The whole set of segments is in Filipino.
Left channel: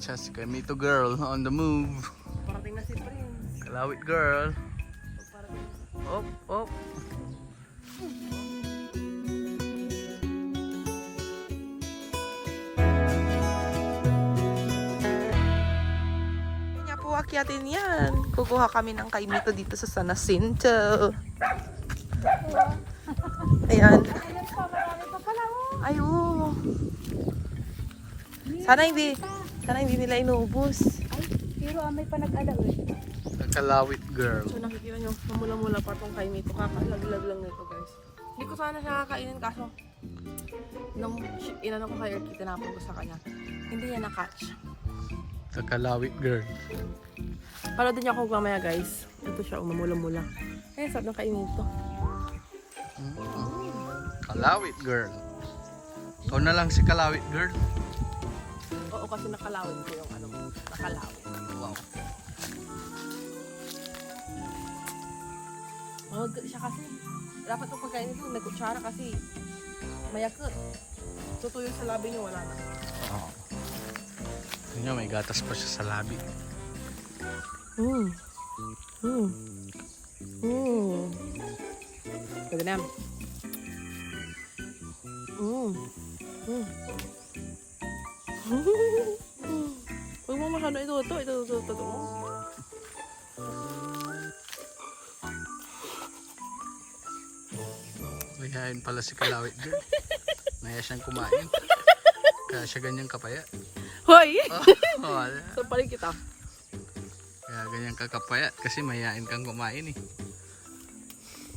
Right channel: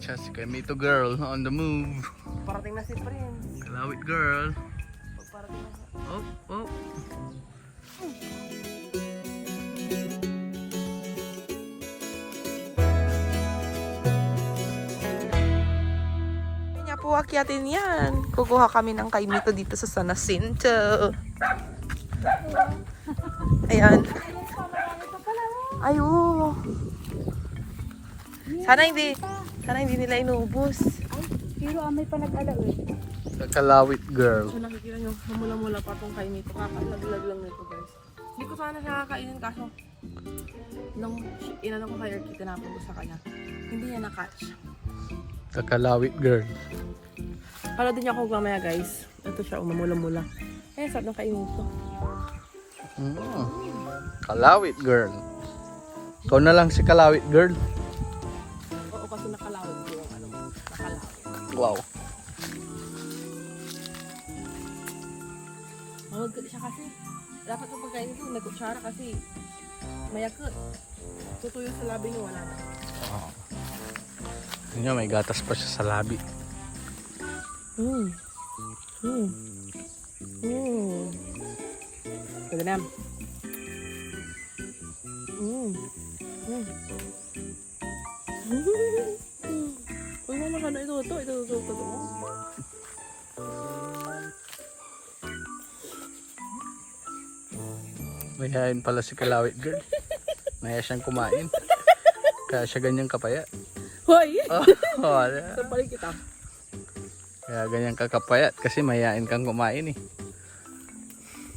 Siya si Kaimito girl on the move. Parating na si Prince. Kalawit girl. Parating na. Oh, oh. Kanya po akyatin yan. Kukuha kami ng Kaimito dito sa San Jacinto. Ayan. Ay, oo. Sana hindi nila inubos. Pero may panag-alam eh. The Kalawit girl. So nakikita nyo, mamula-mula pa tong Kaimito. Kakalaglag lang nito guys. Hindi ko sana siya kakainin kaso nung inano ko kay Erky, tinapon ko sa kanya. Hindi niya na-catch. The Kalawit girl. Pala din niya ako mamaya guys. Ito siya, mamula-mula. Eh, sarap ng Kaimito. Kalawit girl. Ikaw na lang si Kalawit girl. Oo, kasi nakalawit ko yung ano, nakalawit. Wow. Mahagod siya kasi. Dapat kung pagkain ito, may kutsara kasi mayakot. Tutuyo sa labi niyo, wala na. Oh. Yun, may gatas pa siya sa labi. Pwede na. Huwag mo masyado ito. Mayayain pala si Kalawit girl. Maya siyang kumain. Kaya siya ganyang kapaya. Hoy! Oh, Sa paling kita. kaya ganyang kakapayat kasi mayayain kang kumain eh.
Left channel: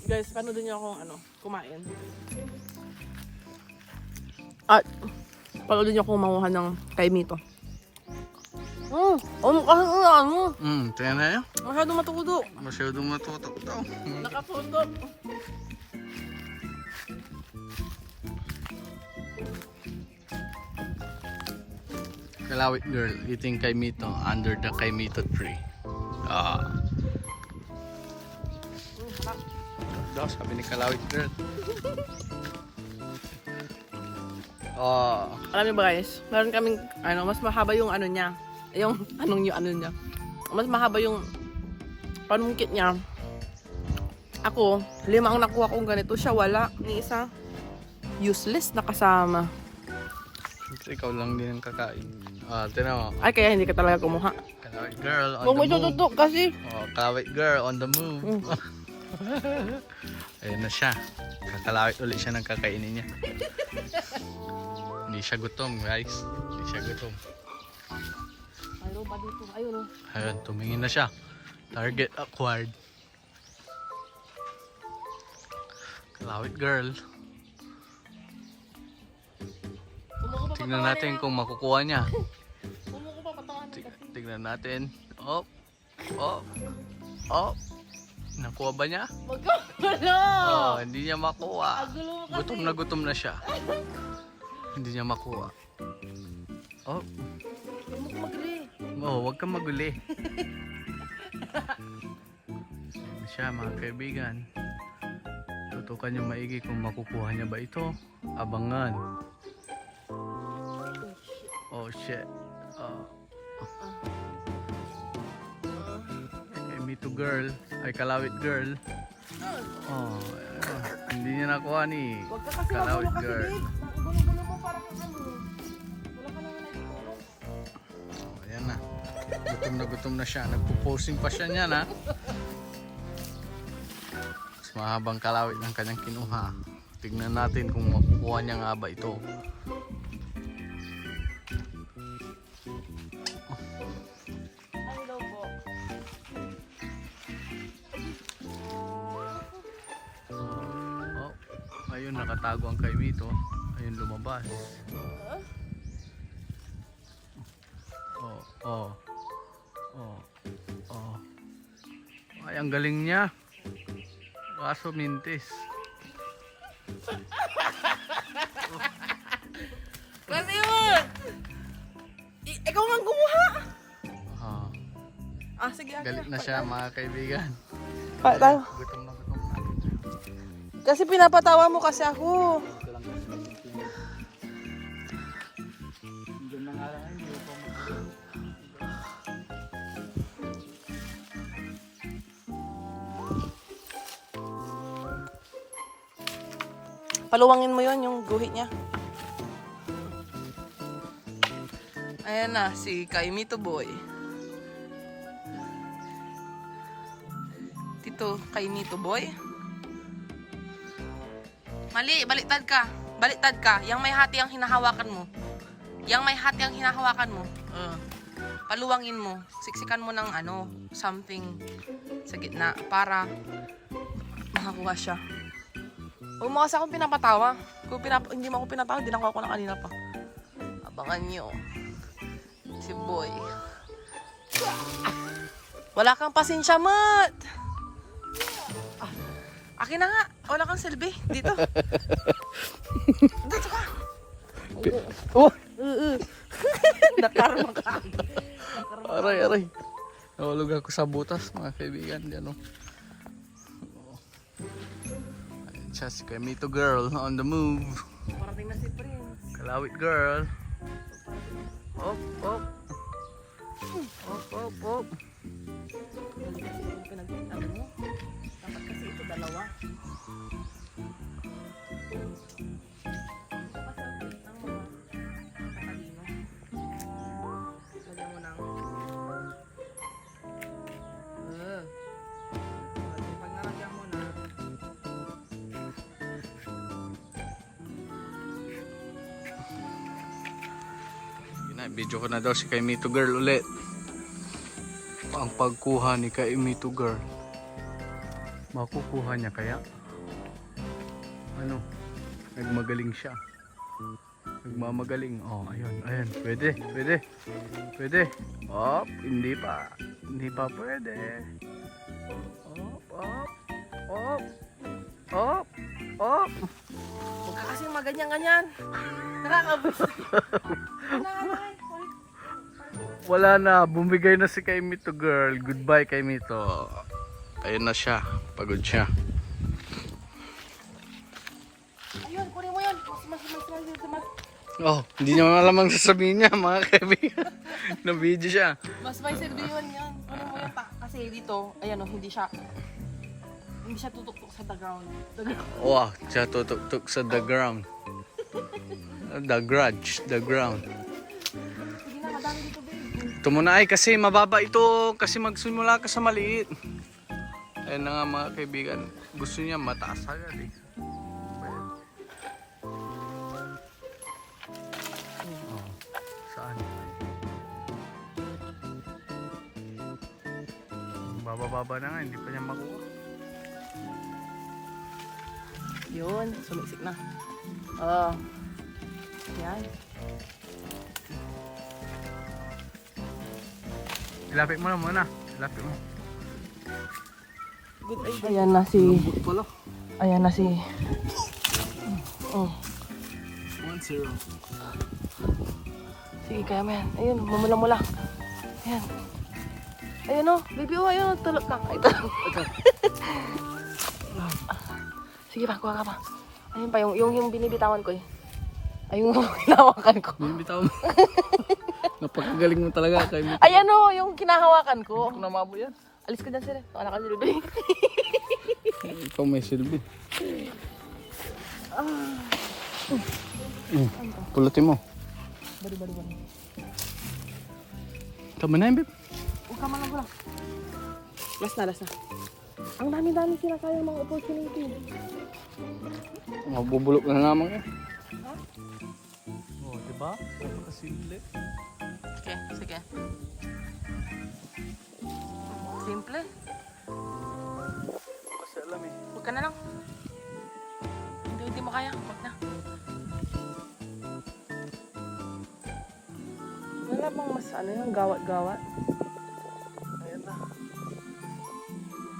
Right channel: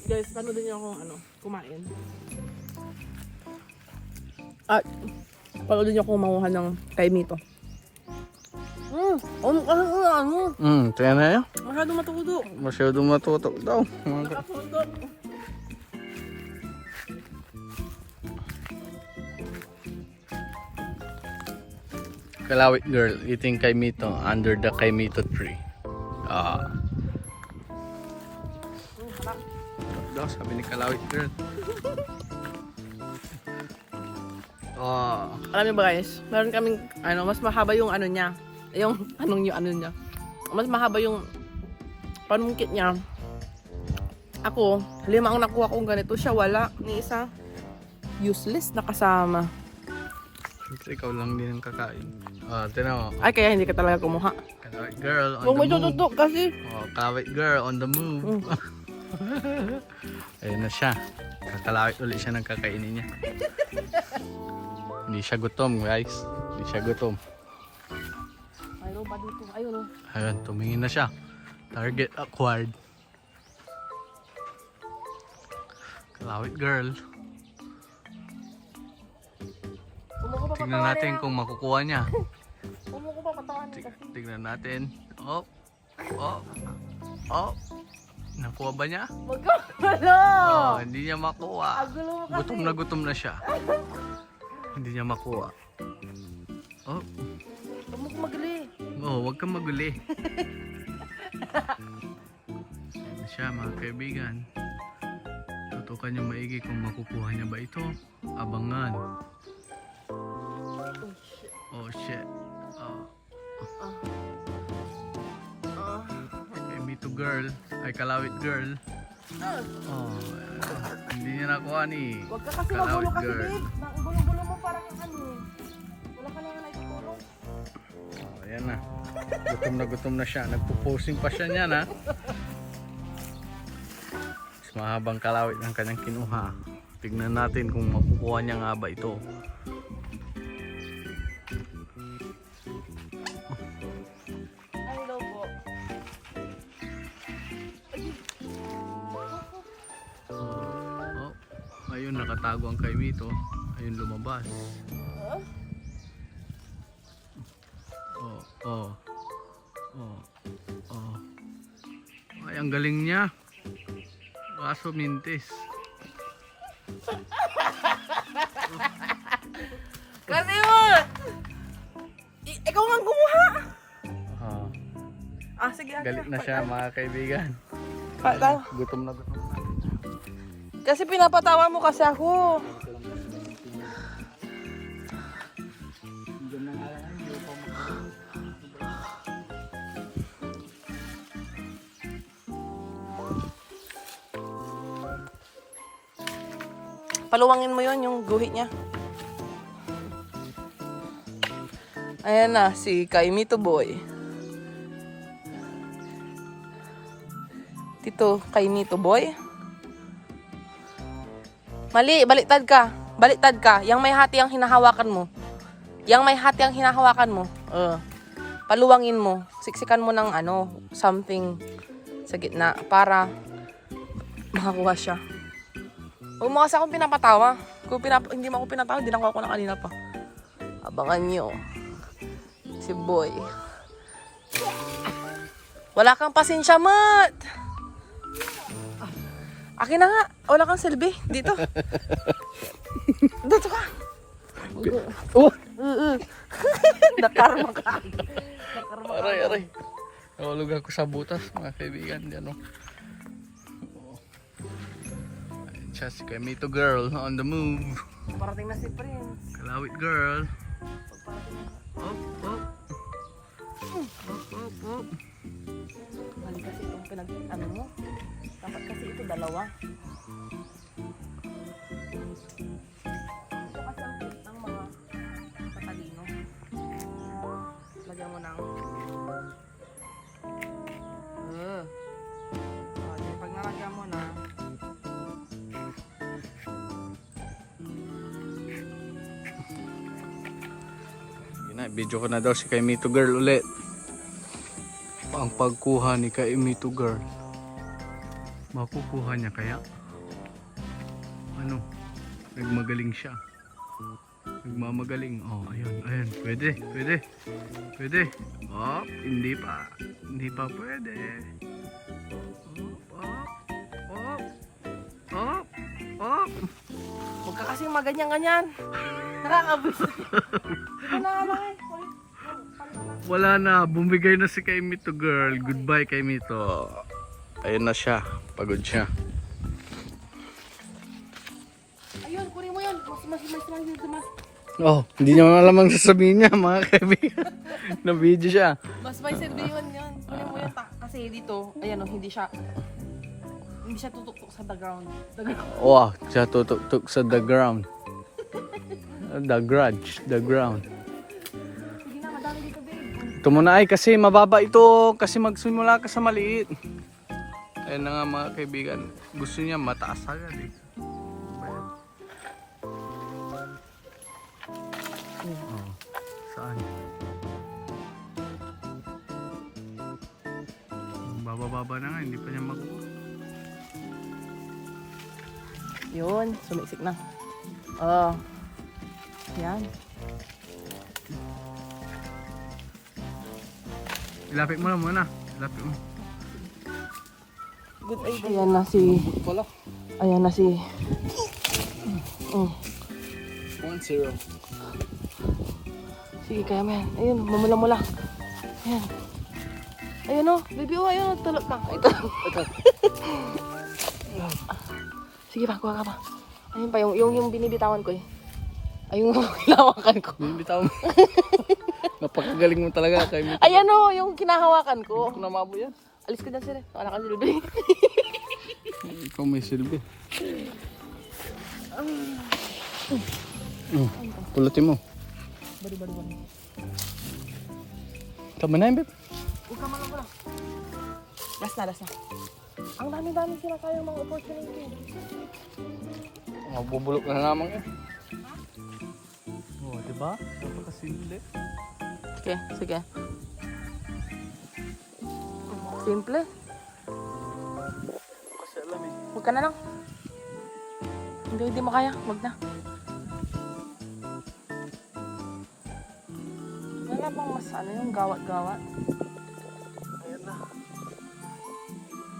Guys, paano din niyo akong kumain? At, paano din niyo akong manguha ng Kaimito? Tingnan na yun. Masyadong matudo. Masyadong matutok daw. Nakatutok. Kalawit girl eating Kaimito under the Kaimito tree. Daw sabi ni Kalawit girl. Alam niyo ba guys, meron kaming mas mahaba yung ano niya. Yung ano niya. Mas mahaba yung panungkit niya. Ako, 5 ang nakuha kong ganito. Siya wala. Ni isa. Useless na kasama. Siyempre ikaw lang din ang kakain. Tinan mo. Ay, kaya hindi ka talaga kumuha. Kalawit girl on Huwag mo the move. itututok kasi. Kalawit girl on the move. Ayun na siya. Kakalawit ulit siya ng kakainin niya. Hindi siya gutom guys. Hindi siya gutom. Mayroon pa dito. Ayun o. Ayun, tumingin na siya. Target acquired. Kalawit girl. Kumuko pa Tignan natin kung makukuha niya. Kumuko pa patawanin kasi. Tignan natin. Oh. Oh. Oh. Nakuha ba niya? Magkakalo! Oh, hindi niya makuha. Agulo mo kasi. Gutom na siya. Hindi niya makuha. Oh. Huwag mo magli. Oh, huwag kang maguli. Ayan siya mga kaibigan. Tutukan niyo maigi kung makukuha niya ba ito. Abangan. Oh shit. Kaimito girl. Ay Kalawit girl. Oh, hindi niya nakuha ni. Huwag ka kasi Kalawit magulo kasi girl. babe. Ang gulo-gulo mo parang wala ka naman naitutulong. Oh, ayan na. Gutom na siya. Nagpo-posing pa siya niyan ha. Mas mahabang kalawit ng kanyang kinuha. Tignan natin kung makukuha niya nga ba ito. Oh, ayun nakatago ang Kaimito. Ayun lumabas. Oh. Ay, ang galing niya. Kaso mintis. Kasi yun! Ikaw nga kumuha! Sige. Galit na siya mga kaibigan. Gutom na gutom. Kasi pinapatawa mo kasi ako. Paluwangin mo yun, yung guhit niya. Ayan na, si Kaimito Boy. Tito, Kaimito Boy. Mali, baliktad ka. Baliktad ka. Yang may hati ang hinahawakan mo. Yang may hati ang hinahawakan mo. Paluwangin mo. Siksikan mo ng ano, something sa gitna para makakuha siya. Huwag mo kasi akong pinapatawa. Kung hindi mo ako pinatawa, hindi nakuha ko na kanina pa. Abangan nyo. Si Boy. Wala kang pasensya, Mat. Akin na nga. Wala kang silbi. Dito. Dito ka. Nakarma ka. Nakarma ka. Aray. Nahulog ako sa butas, mga kaibigan. Diyan, oh. Ayun siya, si Kaimito Girl on the move. Parating na si Prince. Kalawit girl. Pagparating na. Op. Mali kasi itong pinag-ano mo. Dapat kasi ito dalawa. Ito kasi ang tip ng mga katalino. Lagyan mo ng pag nalagyan mo na Video ko na daw si Kaimito Girl ulit. Ang pagkuha ni Kaimito Girl. Makukuha niya kaya? Ano? Nagmagaling siya. Nagmamagaling. Oh, ayun. Pwede. Op, hindi pa pwede. Op. huwag ka kasing maganyan-ganyan. Nakakabus. Wala na, bumigay na si Kaimito Girl. Goodbye Kaimito. Ayun na siya, pagod siya. Ayun, kunin mo yun. Mas. Oh, hindi niya alam ang sasabihin niya, mga kaibigan. Na-video siya. Mas may silbi yun. Kunin mo yun. Kasi dito, ayan o, hindi siya tutok-tok sa the ground. Wow, siya tutok sa the ground. The ground. Sige na, madami dito, babe. Ito muna ay kasi mababa ito kasi magsimula ka sa maliit. Ayun na nga mga kaibigan, gusto niya mataas agad eh. Oh, saan? Baba na nga, hindi pa niya makuha. Yun, sumiksik na. Yan. Ilapit mo na muna. Ilapit mo. Good idea. Ayan na si... Pala. Ayan na si... 1-0. Sige, kaya mo yan. Ayun, mamula-mula. Ayan. Ayun na, baby, ayun. Talak ka. Ito. Sige ba, kuha ka ba? Ayun pa, yung binibitawan ko eh. Ayun yung hinahawakan ko. Bibitaw mo. Napakagaling mo talaga kay Mito. Ayan o, yung kinahawakan ko. Namabo yan. Alis ka dyan sila. Ano ka nilabli? Ikaw may silbi. Pulutin mo. Bari. Tama na yun, babe. Huwag ka mga pala. Last na. Ang dami-dami sila kaya mga opportunity. Magbubulok na naman. Oh, diba? Kasi hindi. Okay, sige. Simple. Kasi alam eh. Huwag ka na lang. Hindi mo kaya. Huwag na. Wala bang mas yung gawat-gawat? Ayan na.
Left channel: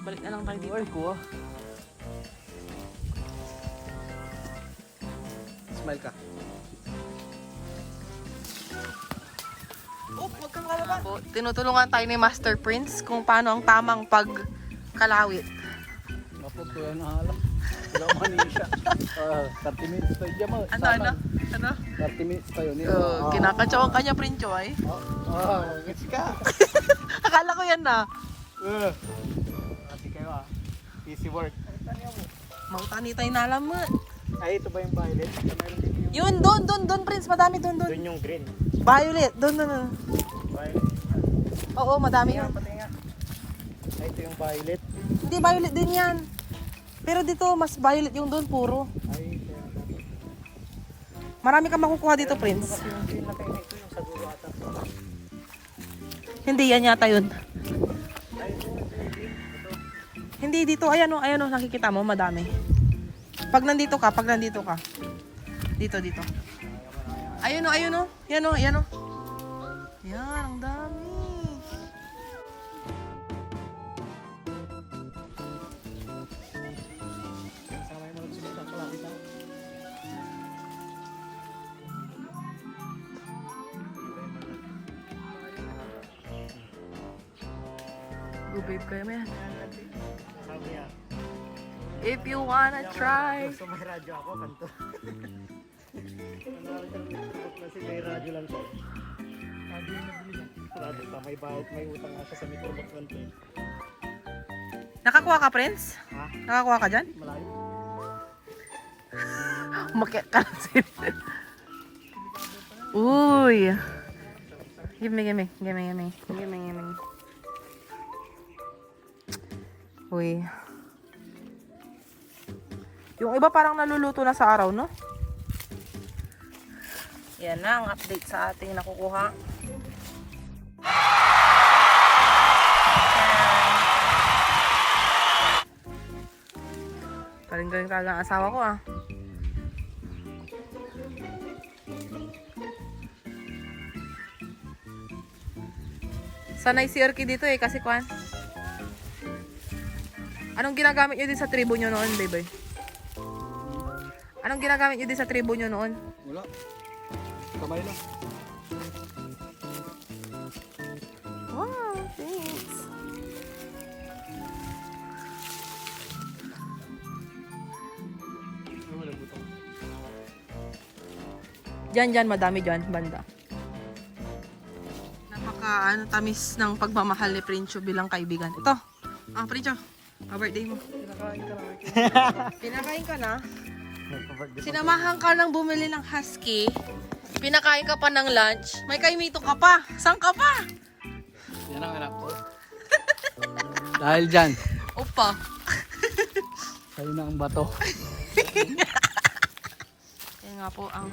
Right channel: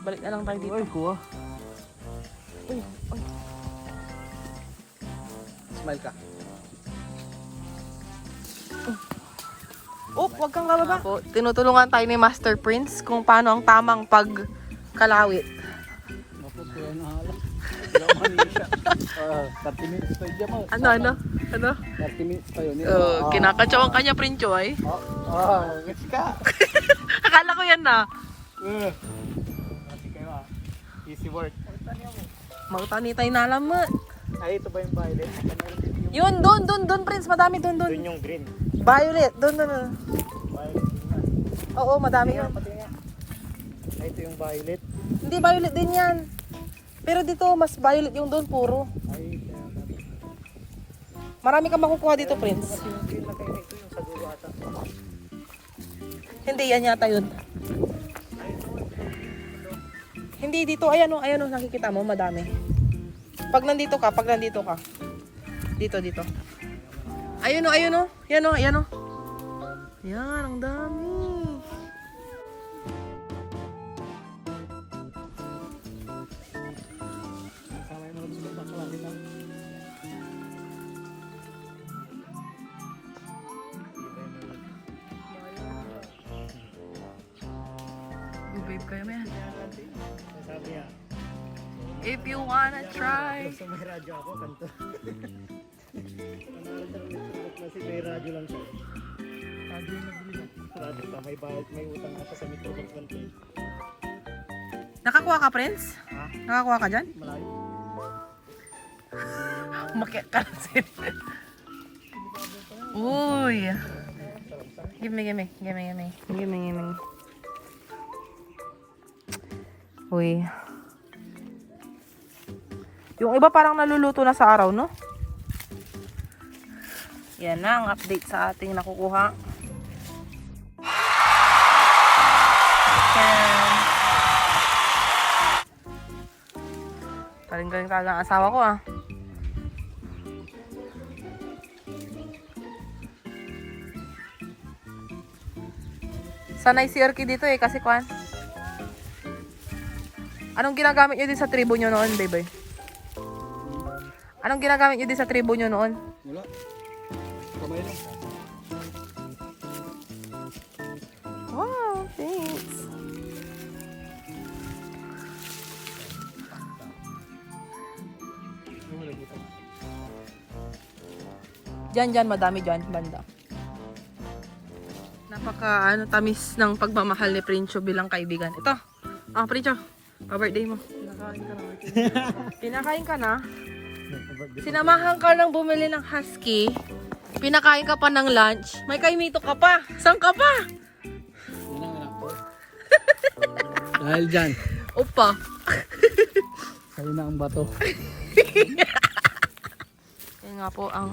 Balik na lang tayo dito. Ay, kuha. Uy. Smile ka. Huwag kang bababa. Tinutulungan tayo ni Master Prince kung paano ang tamang pagkalawit. Mapot ko yan nahalak. Wala mani siya. 30 minutes pa yun mo. Ano? 30 minutes pa yun. Kinakatsaw ang kanya, Prince, ay. Gets ka. Akala ko yan na. Kasi kayo easy work. Mautani tayo na alamat. Ay, ito ba yung violet? Yun, doon, Prince. Madami doon. Doon yung green. Violet, doon. Violet. Oo, madami Nga, yun. pati nga. Ay, ito yung violet. Hindi, violet din yan. Pero dito, mas violet yung doon, puro. Ay, Marami ka makukuha dito, Prince. yung green na kayo ito yung sa dulo ata. Hindi, yan yata yun. Hindi, dito, ayan o, nakikita mo, madami. Pag nandito ka. Dito. Ayun o. Yan, ang dami. Sama yung mga sumita ko lang. Kita. Good kayo, man. Sabi niya, If you wanna try. gusto may radyo ako, kanto. Kasi may radyo lang siya. Radyo yung nabili niya. Radyo pa, may bayad, may utang nga siya sa Metro Box 120. Nakakuha ka, Prince? Ha? Nakakuha ka dyan? Malayo. Umakyat ka na sila. Uy. Give me. Uy. Yung iba parang naluluto na sa araw, no? Yan na ang update sa ating nakukuha. Galing talaga ang asawa ko, ah. Sanay si Erky dito eh, kasi kwan. Anong ginagamit nyo din sa tribo nyo noon, baby? Anong ginagamit nyo din sa tribo nyo noon? Wala. Kamay lang. Wow, thanks. Diyan, madami dyan, banda. Napaka tamis ng pagmamahal ni Princho bilang kaibigan. Ito, Princho, pa-birthday mo. Pinakain ka na. Sinamahan ka ng bumili ng husky. Pinakain ka pa ng lunch. May kaimito ka pa. Saan ka pa? Yan ang anak ko. Dahil dyan, Upa. sa'yo na ang bato. Yan nga po ang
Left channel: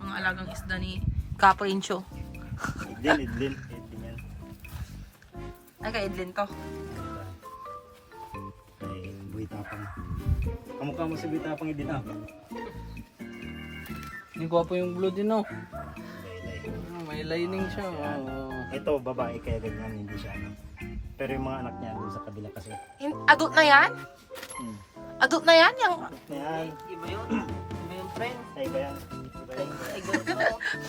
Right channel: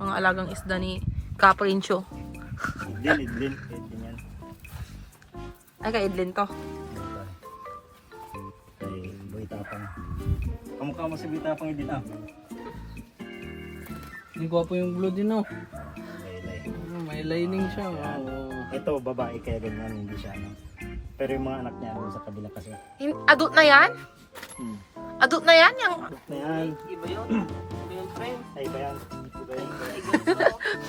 mga alagang isda ni Kaprincho. Idlin yan. Ay, kay Idlin to. Kay Boy Tapang. Kamukha mo si Boy Tapang din ah. Hindi ko po yung blue din, no? Laylay. May lining siya. Wow. Ito, babae kaya ganyan, hindi siya ano. Pero yung mga anak niya doon sa kabila kasi. Adult na yan? Hmm. Adult na yan? Yung... Ayan. Iba yun? Iba yung friend? Ay, kaya. Diba yun?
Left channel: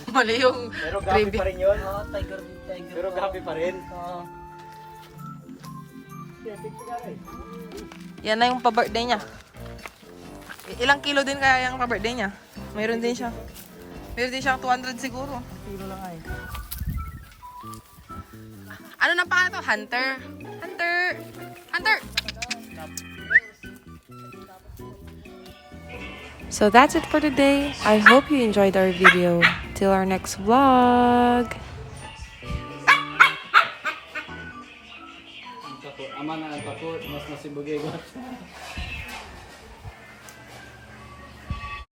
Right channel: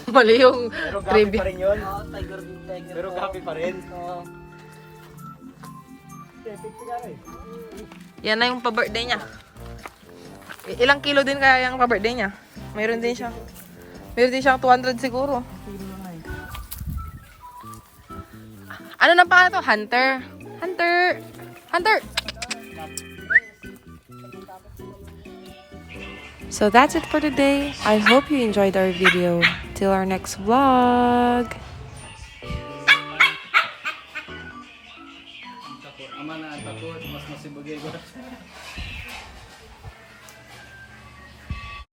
Mali yung Pero gabi trivia. pa rin yun. Tiger. Pero gabi pa rin. Yan na yung pa-birthday niya. Ilang kilo din kaya yung pa-birthday niya? Meron din siyang 200 siguro. Kilo na nga eh. Ano na pa to? Hunter. So that's it for today. I hope you enjoyed our video. Till our next vlog. Ama na ang tako, mas masibugay ko.